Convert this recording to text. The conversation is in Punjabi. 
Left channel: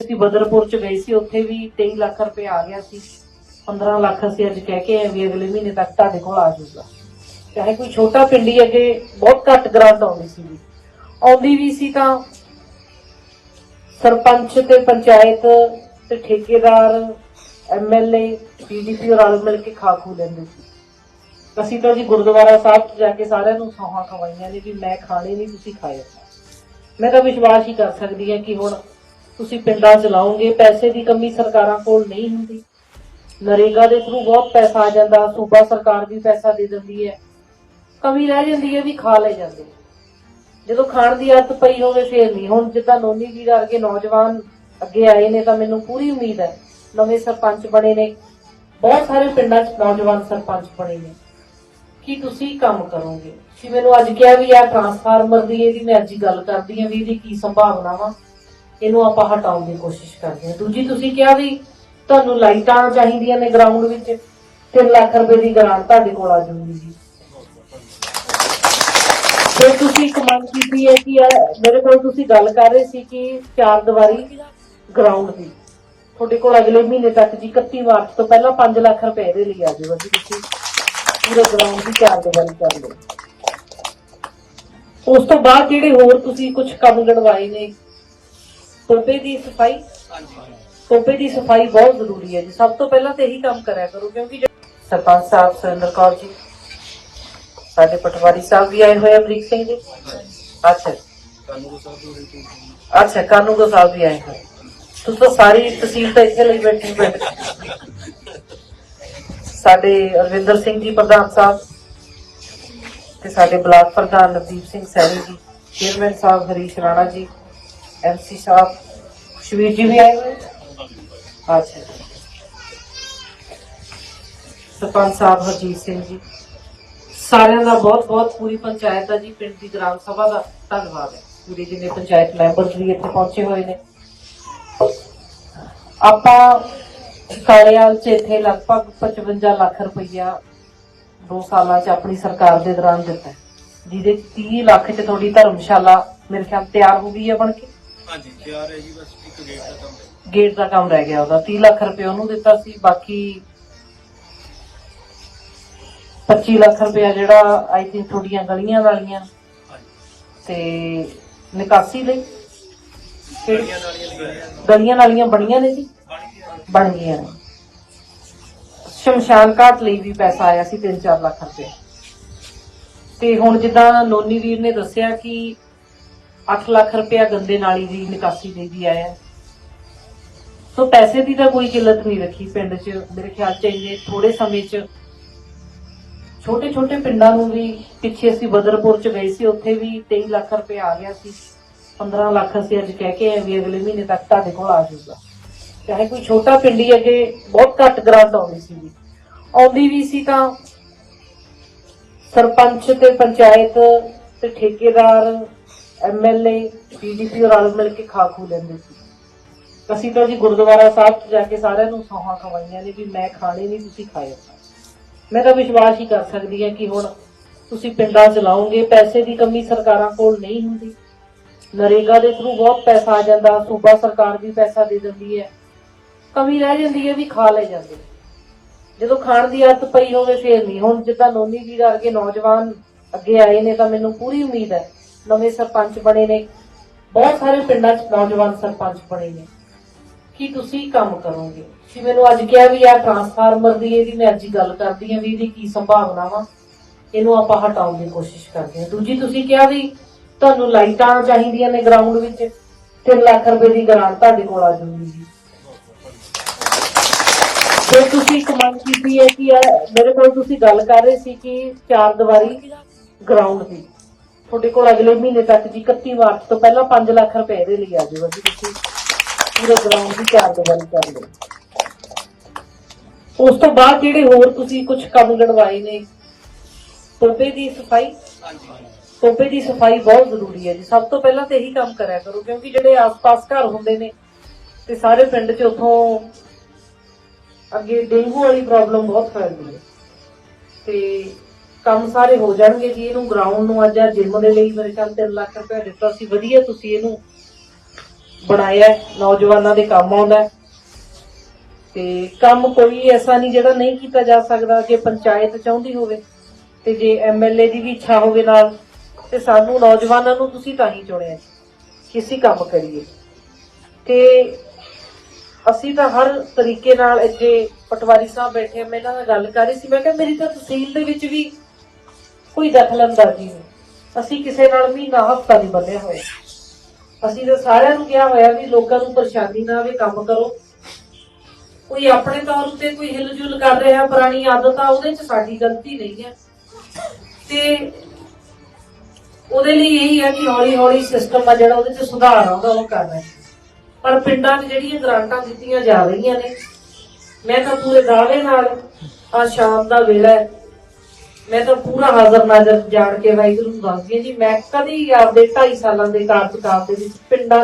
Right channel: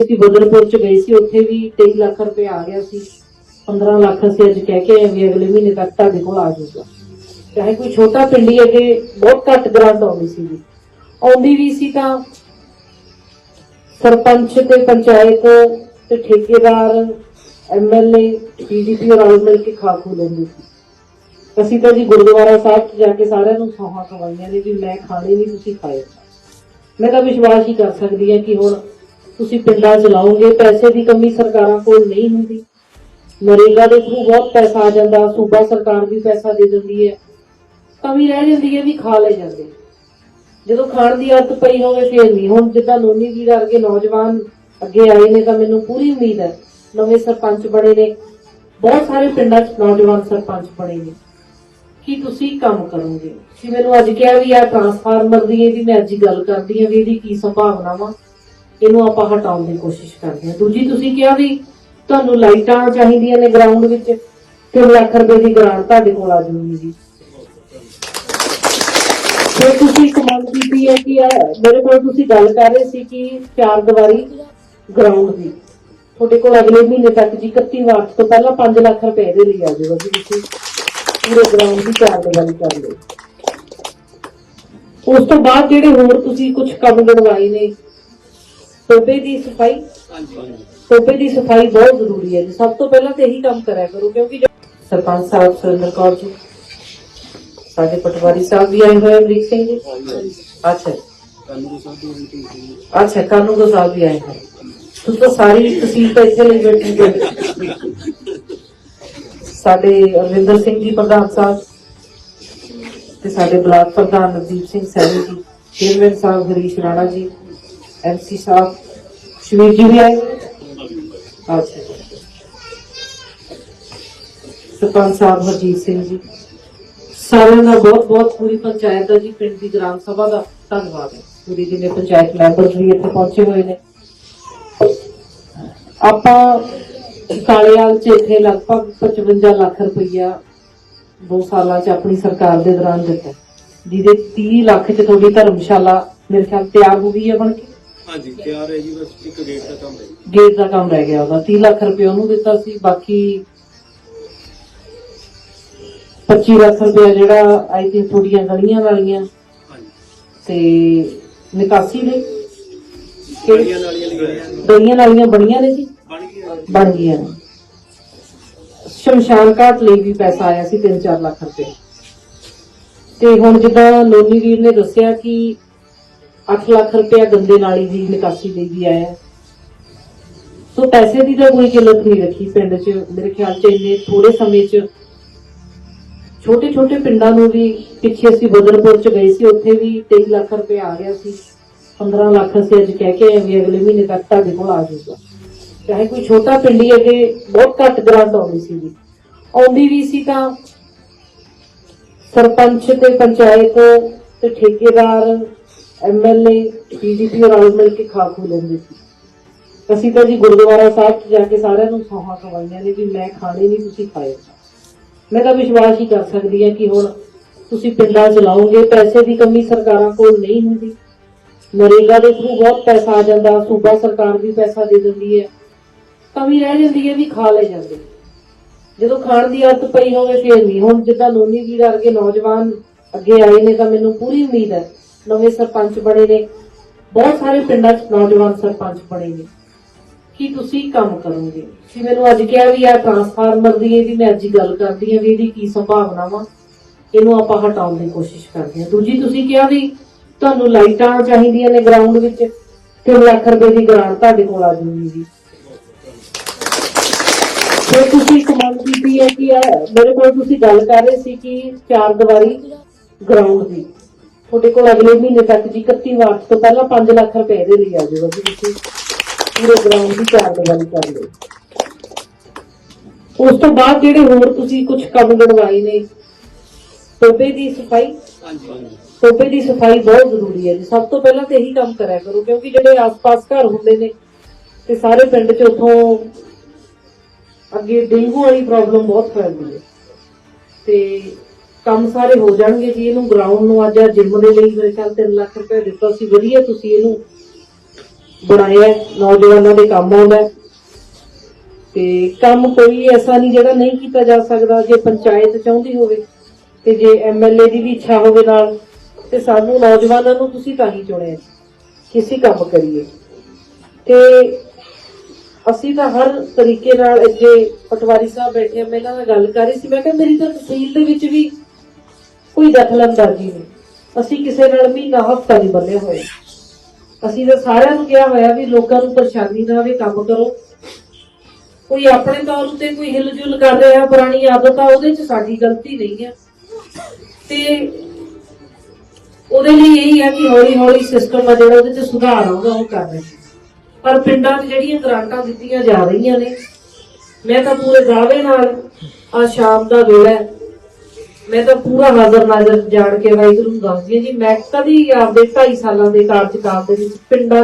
ਅਸੀਂ ਬਦਲਪੁਰ ਚ ਗਏ ਸੀ, ਉੱਥੇ ਵੀ 23 ਲੱਖ ਰੁਪਏ ਆ ਗਿਆ ਸੀ। 15 ਲੱਖ ਅਸੀਂ ਅੱਜ ਕਹਿ ਕੇ ਵੀ ਅਗਲੇ ਮਹੀਨੇ ਤੱਕ ਤੁਹਾਡੇ ਕੋਲ ਆ ਜਾਊਗਾ। ਚਾਹੇ ਕੋਈ ਛੋਟਾ ਪਿੰਡੀ ਅੱਗੇ ਬਹੁਤ ਘੱਟ ਗ੍ਰਾਂਟ ਆਉਂਦੀ ਸੀ ਆਉਂਦੀ ਵੀ ਸੀ ਤਾਂ ਸਰਪੰਚ ਤੇ ਪੰਚਾਇਤ ਤੇ ਠੇਕੇਦਾਰ ਐਮਐਲਏ ਪੀਡੀਪੀ ਰਲ ਮਿਲ ਕੇ ਖਾ ਖੂ ਲੈਂਦੇ ਸੀ। ਅਸੀਂ ਤਾਂ ਜੀ ਗੁਰਦੁਆਰਾ ਸਾਹਿਬ 'ਚ ਜਾ ਕੇ ਸਾਰਿਆਂ ਨੂੰ ਸੌਹਾਂ ਖਵਾਈਆਂ ਨੇ ਵੀ ਮੈਂ ਖਾਣੇ ਨਹੀਂ ਤੁਸੀਂ ਖਾਏ। ਮੈਂ ਤਾਂ ਵਿਸ਼ਵਾਸ ਹੀ ਕਰ ਸਕਦੀ ਹਾਂ ਕਿ ਹੁਣ ਤੁਸੀਂ ਪਿੰਡਾਂ 'ਚ ਪੈਸੇ ਦੀ ਕਮੀ ਸਰਕਾਰਾਂ ਕੋਲ ਨਹੀਂ ਹੁੰਦੀ। ਨਰੇਗਾ ਦੇ ਥਰੂ ਬਹੁਤ ਪੈਸਾ ਆ ਜਾਂਦਾ, ਸੂਬਾ ਸਰਕਾਰ ਵੀ ਪੈਸਾ ਦੇ ਦਿੰਦੀ ਹੈ। ਕਮੀ ਰਹਿ ਜਾਂਦੀ ਹੈ ਵੀ ਖਾ ਲੈ ਜਾਂਦੇ। ਜਦੋਂ ਖਾਣ ਦੀ ਆਦਤ ਪਈ ਹੋਵੇ ਫੇਰ ਨਹੀਂ। ਹੁਣ ਜਿੱਦਾਂ ਨੋਨੀ ਜੀ ਵਰਗੇ ਨੌਜਵਾਨ ਅੱਗੇ ਆਏ ਨੇ ਤਾਂ ਮੈਨੂੰ ਪੂਰੀ ਉਮੀਦ ਹੈ, ਨਵੇਂ ਸਰਪੰਚ ਬਣੇ ਨੇ। ਬਹੁਤ ਸਾਰੇ ਪਿੰਡਾਂ 'ਚ ਨੌਜਵਾਨ ਸਰਪੰਚ ਬਣੇ ਨੇ। ਕਿ ਤੁਸੀਂ ਕੰਮ ਕਰੋਗੇ? ਤੁਸੀਂ ਮੈਨੂੰ ਅੱਜ ਕਿਹਾ ਵੀ ਆ ਟਰਾਂਸਫਾਰਮਰ ਦੀ ਇਹਦੀ ਮੈਂ ਅੱਜ ਗੱਲ ਕਰਦੀ ਹਾਂ ਵੀ ਇਹਦੀ ਕੀ ਸੰਭਾਵਨਾ ਵਾ ਇਹਨੂੰ ਆਪਾਂ ਹਟਾਉਣ ਦੀ ਕੋਸ਼ਿਸ਼ ਕਰਦੇ ਹਾਂ। ਦੂਜੀ, ਤੁਸੀਂ ਕਿਹਾ ਵੀ ਤੁਹਾਨੂੰ ਲਾਈਟਾਂ ਚਾਹੀਦੀਆਂ ਨੇ ਗਰਾਊਂਡ ਵਿੱਚ। 3 ਲੱਖ ਰੁਪਏ ਦੀ ਗ੍ਰਾਂਟ ਤੁਹਾਡੇ ਕੋਲ ਆ ਜਾਊਗੀ ਜੀ। ਫਿਰ ਤੁਸੀਂ ਇੱਕ ਮੰਗ ਕੀਤੀ ਹੈ ਕਿ ਮੇਰੇ ਕੋਲ ਤੁਸੀਂ ਗੱਲ ਕਰ ਰਹੇ ਸੀ ਕਿ ਚਾਰ ਦੀਵਾਰੀ ਗਰਾਊਂਡ ਦੀ। ਤੁਹਾਡੇ ਕੋਲ ਅਗਲੇ ਮਹੀਨੇ ਤੱਕ ਜੀ 31 ਮਾਰਚ ਤੋਂ ਪਹਿਲਾਂ 5 ਲੱਖ ਰੁਪਏ ਦੇ ਲਈ ਆ ਜਾਊਗਾ ਜੀ ਤੁਸੀਂ। ਪੂਰੇ ਗਰਾਊਂਡ ਦੀ ਚਾਰ ਦੀਵਾਰੀ ਕਰ ਲਿਓ। ਉਸ ਤੋਂ ਬਾਅਦ ਜਿਹੜੇ ਹੋਰ ਤੁਸੀਂ ਕੁਝ ਕੰਮ ਗੜਵਾਏ ਨੇ ਟੋਪੇ ਦੀ ਸਫ਼ਾਈ। ਟੋਪੇ ਦੀ ਸਫ਼ਾਈ ਬਹੁਤ ਜ਼ਰੂਰੀ ਹੈ ਜੀ। ਸਭ ਤੋਂ ਪਹਿਲਾਂ ਤੇ ਇਹੀ ਕੰਮ ਕਰਿਆ ਕਰੋ, ਕਿਉਂਕਿ ਸਰਪੰਚ ਸਾਹਿਬ ਸੁਰਿੰਦਰ ਕੌਰ ਜੀ, ਸਾਡੇ ਪਟਵਾਰੀ ਸਾਹਿਬ ਵੀ ਆਏ ਹੋਏ ਅਮਰੀਕ ਸਿੰਘ ਜੀ। ਅੱਛਾ ਅੱਛਾ ਕਾਨੂੰਗੋ ਸਾਹਿਬ ਵੀ ਆਏ ਹੋਏ। ਤੁਸੀਂ ਤਾਂ ਸਾਰੀ ਤਹਿਸੀਲ ਤਾਂ ਇੱਥੇ ਲਈ ਬੈਠੀ ਹੋ। ਸਾਡੇ ਅਰਵਿੰਦਰ ਸਿੰਘ ਜੀ, ਪ੍ਰਧਾਨ ਸਾਹਿਬ ਤੇ ਸਾਡੇ ਬਲਾਕ ਪ੍ਰਧਾਨ ਨਵਦੀਪ ਸਿੰਘ ਸੈਣੀ ਜੀ, ਚੇਅਰਮੈਨ ਸਾਹਿਬ ਹਰੀਸ਼ ਰਾਣਾ ਜੀ ਐਮਸੀ ਸਾਹਿਬ ਸ਼ਵੀਰ ਜੀ ਵੀ ਆਏ ਅੱਛਾ ਸਰਪੰਚ ਸਾਹਿਬ ਹਰਜੀਤ ਸਿੰਘ ਜੀ। ਸਾਰਿਆਂ ਦਾ ਬਹੁਤ ਬਹੁਤ ਪੂਰੀ ਪੰਚਾਇਤ ਦਾ ਜੀ, ਪਿੰਡ ਦੀ ਗ੍ਰਾਮ ਸਭਾ ਦਾ ਧੰਨਵਾਦ ਹੈ। ਪੂਰੀ ਜਿੰਨੇ ਪੰਚਾਇਤ ਮੈਂਬਰ ਵੀ ਇੱਥੇ ਪਹੁੰਚੇ ਹੋਏ ਨੇ। ਆਪਾਂ ਕਾਲੇਵਾਲ ਚ ਇੱਥੇ ਲਗਭਗ 55 ਲੱਖ ਰੁਪਈਆ 2 ਸਾਲਾਂ ਚ ਆਪਣੀ ਸਰਕਾਰ ਦੇ ਦੌਰਾਨ ਦਿੱਤਾ। ਜਿਹਦੇ 30 ਲੱਖ ਚ ਤੁਹਾਡੀ ਧਰਮਸ਼ਾਲਾ ਮੇਰੇ ਖਿਆਲ ਤਿਆਰ ਹੋ ਗਈ ਹੈ ਬਣ ਕੇ? ਹਾਂਜੀ ਤਿਆਰ ਹੈ ਜੀ ਬਸ ਇੱਕ ਗੇਟ ਦਾ ਕੰਮ ਹੈ ਗੇਟ ਦਾ ਕੰਮ ਰਹਿ ਗਿਆ ਉਹਦਾ 30 ਲੱਖ ਰੁਪਏ ਉਹਨੂੰ ਦਿੱਤਾ ਸੀ ਬਾਕੀ 25 ਲੱਖ ਰੁਪਏ ਜਿਹੜਾ ਆਈ ਥਿੰਕ ਥੋੜੀਆਂ ਗਲੀਆਂ ਵਾਲੀਆਂ ਹਾਂਜੀ। ਤੇ ਨਿਕਾਸੀ ਦੇ। ਗਲੀਆਂ ਨਾਲੀਆਂ ਲਗਾਈਆਂ ਗਲੀਆਂ ਨਾਲੀਆਂ ਬਣੀਆਂ ਨੇ ਜੀ? ਬਣ ਗਈਆਂ ਬਣ ਗਈਆਂ ਸ਼ਮਸ਼ਾਨ ਘਾਟ ਲਈ ਵੀ ਪੈਸਾ ਆਇਆ ਸੀ 3-4 ਲੱਖ ਰੁਪਏ। ਤੇ ਹੁਣ ਜਿੱਦਾਂ ਲੋਨੀ ਵੀਰ ਨੇ ਦੱਸਿਆ ਕਿ 8 ਲੱਖ ਰੁਪਇਆ ਗੰਦੇ ਨਾਲੀ ਦੀ ਨਿਕਾਸੀ ਲਈ ਵੀ ਆਇਆ। ਸੋ ਪੈਸੇ ਦੀ ਤਾਂ ਕੋਈ ਕਿੱਲਤ ਨਹੀਂ ਰੱਖੀ ਪਿੰਡ 'ਚ। ਮੇਰੇ ਖਿਆਲ 'ਚ ਇੰਨੇ ਥੋੜੇ ਸਮੇਂ 'ਚ ਛੋਟੇ ਛੋਟੇ ਪਿੰਡਾਂ ਨੂੰ ਵੀ ਪਿੱਛੇ ਅਸੀਂ ਬਦਰਪੁਰ 'ਚ ਗਏ ਸੀ, ਉੱਥੇ ਵੀ 23 ਲੱਖ ਰੁਪਏ ਆ ਗਿਆ ਸੀ। 15 ਲੱਖ ਅਸੀਂ ਅੱਜ ਕਹਿ ਕੇ ਆਏ ਵੀ ਅਗਲੇ ਮਹੀਨੇ ਤੱਕ ਤੁਹਾਡੇ ਕੋਲ ਆ ਜਾਊਗਾ। ਚਾਹੇ ਕੋਈ ਛੋਟਾ ਪਿੰਡ ਹੀ ਅਗੇ ਬਹੁਤ ਘੱਟ ਗ੍ਰਾਂਟ ਆਉਂਦੀ ਸੀ ਆਉਂਦੀ ਵੀ ਸੀ ਤਾਂ ਸਰਪੰਚ ਤੇ ਪੰਚਾਇਤ ਤੇ ਠੇਕੇਦਾਰ ਐਮਐਲਏ ਪੀਡੀਪੀ ਰਲ ਮਿਲ ਕੇ ਖਾ ਖੂ ਲੈਂਦੇ ਸੀ। ਅਸੀਂ ਤਾਂ ਜੀ ਗੁਰਦੁਆਰਾ ਸਾਹਿਬ 'ਚ ਜਾ ਕੇ ਸਾਰਿਆਂ ਨੂੰ ਸੌਹਾਂ ਖਵਾਈਆਂ ਨੇ ਵੀ ਮੈਂ ਖਾਣੇ ਨਹੀਂ ਤੁਸੀਂ ਖਾਏ। ਮੈਂ ਤਾਂ ਵਿਸ਼ਵਾਸ ਹੀ ਕਰ ਸਕਦੀ ਹਾਂ ਕਿ ਹੁਣ ਤੁਸੀਂ ਪਿੰਡਾਂ 'ਚ ਪੈਸੇ ਦੀ ਕਮੀ ਸਰਕਾਰਾਂ ਕੋਲ ਨਹੀਂ ਹੁੰਦੀ। ਨਰੇਗਾ ਦੇ ਥਰੂ ਬਹੁਤ ਪੈਸਾ ਆ ਜਾਂਦਾ, ਸੂਬਾ ਸਰਕਾਰ ਵੀ ਪੈਸਾ ਦੇ ਦਿੰਦੀ ਹੈ। ਕਮੀ ਰਹਿ ਜਾਂਦੀ ਹੈ ਵੀ ਖਾ ਲੈ ਜਾਂਦੇ। ਜਦੋਂ ਖਾਣ ਦੀ ਆਦਤ ਪਈ ਹੋਵੇ ਫਿਰ ਨਹੀਂ। ਹੁਣ ਜਿੱਦਾਂ ਨੋਨੀ ਜੀ ਵਰਗੇ ਨੌਜਵਾਨ ਅੱਗੇ ਆਏ ਨੇ ਤਾਂ ਮੈਨੂੰ ਪੂਰੀ ਉਮੀਦ ਹੈ ਨਵੇਂ ਸਰਪੰਚ ਬਣੇ ਨੇ। ਬਹੁਤ ਸਾਰੇ ਪਿੰਡਾਂ 'ਚ ਨੌਜਵਾਨ ਸਰਪੰਚ ਬਣੇ ਨੇ। ਕਿ ਤੁਸੀਂ ਕੰਮ ਕਰੋਗੇ? ਤੁਸੀਂ ਮੈਨੂੰ ਅੱਜ ਕਿਹਾ ਵੀ ਆ ਟਰਾਂਸਫਾਰਮਰ ਦੀ, ਇਹਦੀ ਮੈਂ ਅੱਜ ਗੱਲ ਕਰਦੀ ਹਾਂ ਵੀ ਇਹਦੀ ਕੀ ਸੰਭਾਵਨਾ ਵਾ। ਇਹਨੂੰ ਆਪਾਂ ਹਟਾਉਣ ਦੀ ਕੋਸ਼ਿਸ਼ ਕਰਦੇ ਹਾਂ। ਦੂਜੀ, ਤੁਸੀਂ ਕਿਹਾ ਵੀ ਤੁਹਾਨੂੰ ਲਾਈਟਾਂ ਚਾਹੀਦੀਆਂ ਨੇ ਗਰਾਊਂਡ ਵਿੱਚ। 3 ਲੱਖ ਰੁਪਏ ਦੀ ਗ੍ਰਾਂਟ ਤੁਹਾਡੇ ਕੋਲ ਆ ਜਾਊਗੀ ਫਿਰ ਤੁਸੀਂ ਇੱਕ ਮੰਗ ਕੀਤੀ ਹੈ ਕਿ ਮੇਰੇ ਕੋਲ ਤੁਸੀਂ ਗੱਲ ਕਰ ਰਹੇ ਸੀ ਕਿ ਚਾਰ ਦੀਵਾਰੀ ਗਰਾਊਂਡ ਦੀ। ਤੁਹਾਡੇ ਕੋਲ ਅਗਲੇ ਮਹੀਨੇ ਤੱਕ ਜੀ 31 ਮਾਰਚ ਤੋਂ ਪਹਿਲਾਂ 5 ਲੱਖ ਰੁਪਏ ਦੇ ਲਈ ਆ ਜਾਊਗਾ ਜੀ ਤੁਸੀਂ। ਪੂਰੇ ਗਰਾਊਂਡ ਦੀ ਚਾਰ ਕਰ ਲਿਓ। ਉਸ ਤੋਂ ਬਾਅਦ ਜਿਹੜੇ ਹੋਰ ਤੁਸੀਂ ਕੁਝ ਕੰਮ ਗੜਵਾਏ ਨੇ ਟੋਪੇ ਦੀ ਸਫ਼ਾਈ? ਹਾਂਜੀ ਟੋਪੇ ਦੀ ਸਫ਼ਾਈ ਬਹੁਤ ਜ਼ਰੂਰੀ ਹੈ ਜੀ। ਸਭ ਤੋਂ ਪਹਿਲਾਂ ਤੇ ਇਹੀ ਕੰਮ ਕਰਿਆ ਕਰੋ, ਕਿਉਂਕਿ ਜਿਹੜੇ ਆਸ-ਪਾਸ ਘਰ ਹੁੰਦੇ ਨੇ ਤੇ ਸਾਰੇ ਪਿੰਡ 'ਚ ਉਥੋਂ ਅੱਗੇ ਡੇਂਗੂ ਵਾਲੀ ਪ੍ਰੋਬਲਮ ਬਹੁਤ ਫੈਲਦੀ ਹੈ। ਤੇ ਕੰਮ ਸਾਰੇ ਹੋ ਜਾਣਗੇ ਜੀ, ਇਹਨੂੰ ਗਰਾਊਂਡ ਨੂੰ ਅੱਜ ਜਿਮ ਦੇ ਲਈ ਮੇਰੇ ਖਿਆਲ 3 ਲੱਖ ਰੁਪਏ ਦਿੱਤਾ ਸੀ, ਵਧੀਆ ਤੁਸੀਂ ਇਹਨੂੰ ਬਣਾਇਆ ਨੌਜਵਾਨਾਂ ਦੇ ਕੰਮ ਆਉਂਦਾ ਤੇ ਕੰਮ ਕੋਈ ਐਸਾ ਨਹੀਂ ਜਿਹੜਾ ਨਹੀਂ ਕੀਤਾ ਜਾ ਸਕਦਾ, ਜੇ ਪੰਚਾਇਤ ਚਾਹੁੰਦੀ ਹੋਵੇ ਤੇ ਜੇ ਐਮਐਲਏ ਦੀ ਵੀ ਇੱਛਾ ਹੋਵੇ ਨਾਲ, ਤੇ ਸਾਨੂੰ ਨੌਜਵਾਨਾਂ ਨੂੰ ਤੁਸੀਂ ਤਾਂ ਹੀ ਚੁਣਿਆ ਕਿਸੇ ਕੰਮ ਕਰੀਏ। ਤੇ ਅਸੀਂ ਤਾਂ ਹਰ ਤਰੀਕੇ ਨਾਲ ਅੱਗੇ ਪਟਵਾਰੀ ਸਾਹਿਬ ਬੈਠੇ ਆ, ਮੈਂ ਇਹਨਾਂ ਨਾਲ ਗੱਲ ਕਰ ਰਹੀ ਸੀ, ਮੈਂ ਕਿਹਾ ਮੇਰੀ ਤਾਂ ਤਹਿਸੀਲ ਦੇ ਵਿੱਚ ਵੀ ਕੋਈ ਦਖਲਅੰਦਾਜ਼ੀ ਨਹੀਂ ਅਸੀਂ ਕਿਸੇ ਨਾਲ ਮਹੀਨਾ, ਹਫਤਾ ਨਹੀਂ ਬੰਨਿਆ ਹੋਇਆ ਅਸੀਂ ਤਾਂ ਸਾਰਿਆਂ ਨੂੰ ਕਿਹਾ ਹੋਇਆ ਵੀ ਲੋਕਾਂ ਨੂੰ ਪਰੇਸ਼ਾਨੀ ਨਾ ਆਵੇ, ਕੰਮ ਕਰੋ। ਕੋਈ ਆਪਣੇ ਤੌਰ ਉੱਤੇ ਕੋਈ ਹਿਲਜੁਲ ਕਰ ਰਿਹਾ ਪੁਰਾਣੀ ਆਦਤ ਆ, ਉਹਦੇ 'ਚ ਸਾਡੀ ਗਲਤੀ ਨਹੀਂ ਹੈ। ਤੇ ਉਹਦੇ ਲਈ ਇਹੀ ਹੈ ਕਿ ਹੌਲੀ ਹੌਲੀ ਸਿਸਟਮ ਆ ਜਿਹੜਾ, ਉਹਦੇ 'ਚ ਸੁਧਾਰ ਆਉਂਦਾ, ਉਹ ਕਰਨਾ ਪਰ ਪਿੰਡਾਂ 'ਚ ਜਿਹੜੀਆਂ ਗ੍ਰਾਂਟਾਂ ਦਿੱਤੀਆਂ ਜਾ ਰਹੀਆਂ ਨੇ, ਮੈਂ ਤਾਂ ਪੂਰੇ ਦਾਅਵੇ ਨਾਲ ਆ ਸ਼ਾਮ ਦਾ ਵੇਲਾ ਹੈ ਮੈਂ ਤਾਂ ਪੂਰਾ ਹਾਜ਼ਰ ਨਾਜ਼ਰ ਜਾਣ ਕੇ ਵਾਹਿਗੁਰੂ ਨੂੰ ਦੱਸਦੀ ਹਾਂ ਜੀ, ਮੈਂ ਕਦੀ ਆਪਦੇ 2.5 ਸਾਲਾਂ ਦੇ ਕਾਰਜਕਾਲ ਦੇ ਵਿੱਚ ਪਿੰਡਾਂ